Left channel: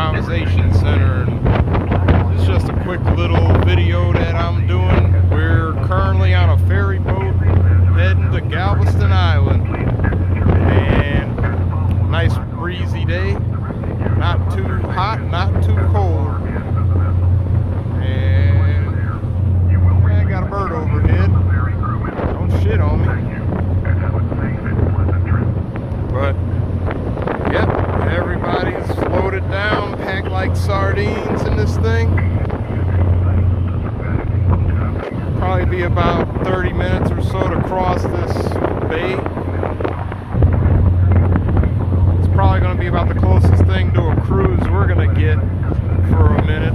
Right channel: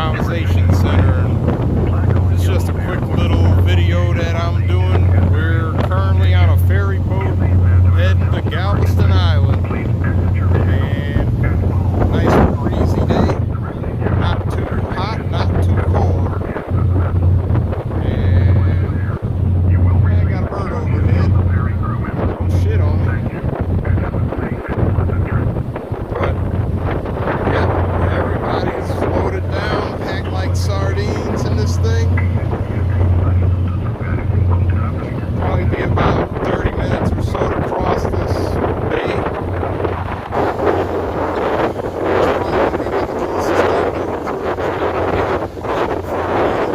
Improvisation Center. And it's just a quick little video that I'm doing. We're currently on a ferry boat heading to Galveston Island. And nice breezy day. Not too hot, not too cold. And I got a bird overhead. Don't shit on me. But yep, everybody's loaded down, packed like sardines in this thing. Probably be about 30 minutes or so to cross this bay. It's probably going to be about the closest thing to a cruise we're going to get for a minute.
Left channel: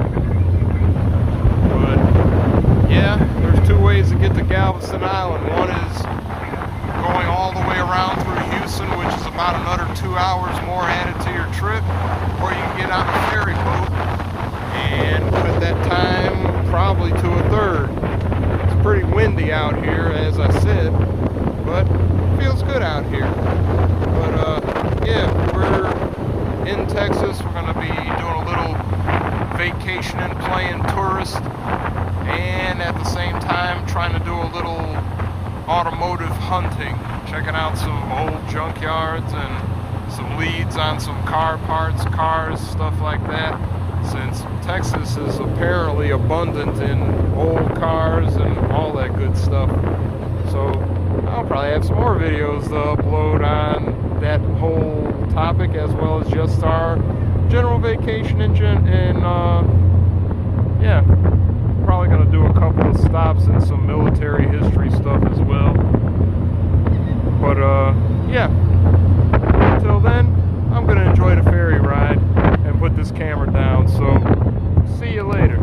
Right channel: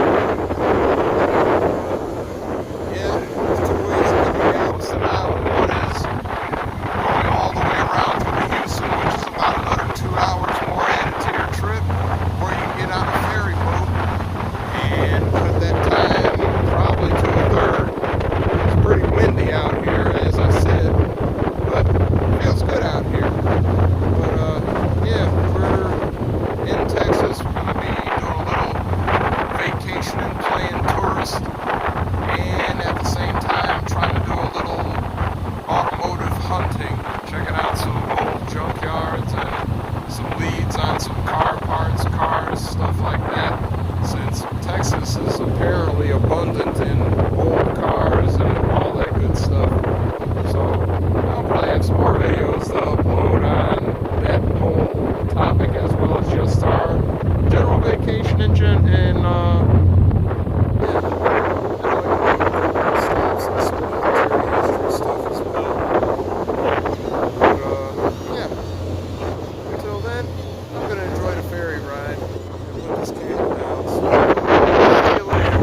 But yeah, there's two ways to get to Galveston Island. One is going all the way around through Houston, which is about another 2 hours more added to your trip, or you can get on a ferry boat and cut that time probably to a third. It's pretty windy out here, as I said, but it feels good out here. But yeah, we're in Texas. We're going to be doing a little vacationing, playing tourist, and at the same time trying to do a little automotive hunting, checking out some old junkyards and some leads on some car parts, cars, stuff like that, since Texas is apparently abundant in old cars and all that good stuff. So I'll probably have some more videos to upload on that whole topic, as well as just our general vacation and yeah, probably going to do a couple of stops and some military history stuff as well. But yeah, until then, I'm going to enjoy the ferry ride and put this camera down. So see you later.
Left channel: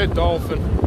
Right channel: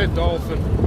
A dolphin.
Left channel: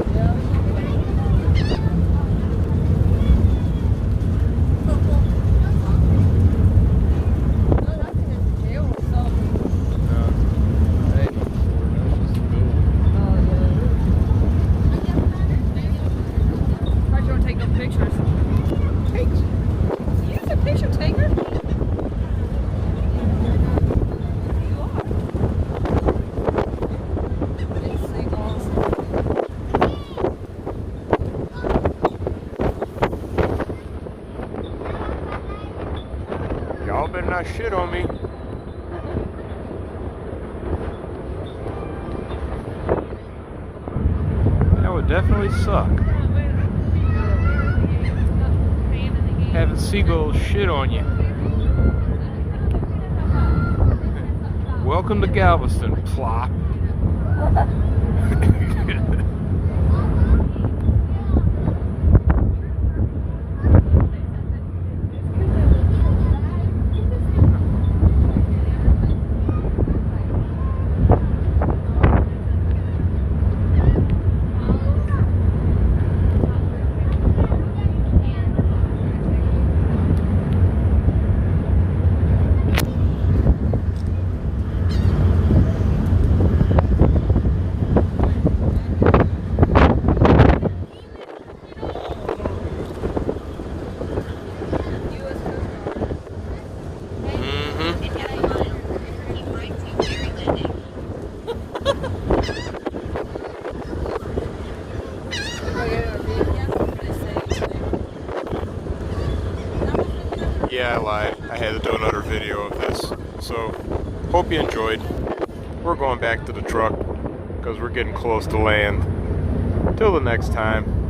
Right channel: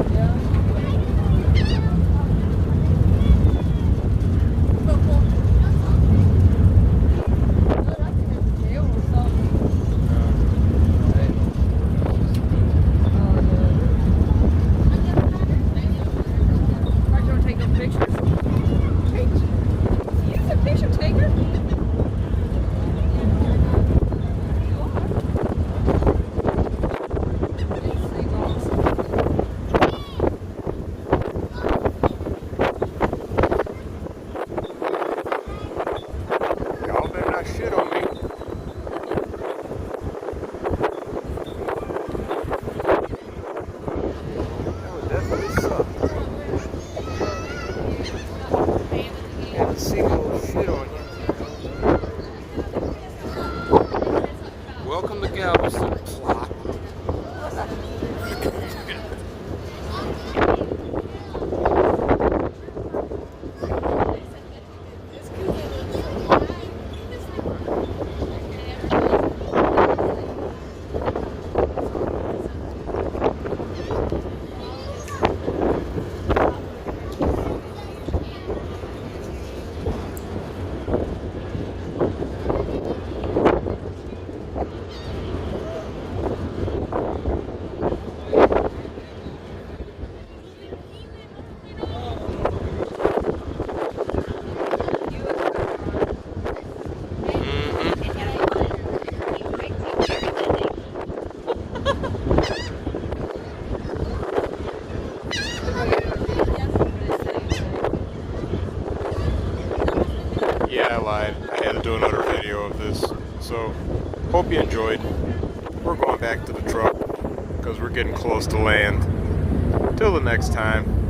Y'all better not shit on me. That would definitely suck. Having seagulls shit on you. Welcome to Galveston, plop. Yeah, I lied. I had to do another video of this. So, hope you enjoyed. We're going back to the truck because we're getting close to land. Till the next time.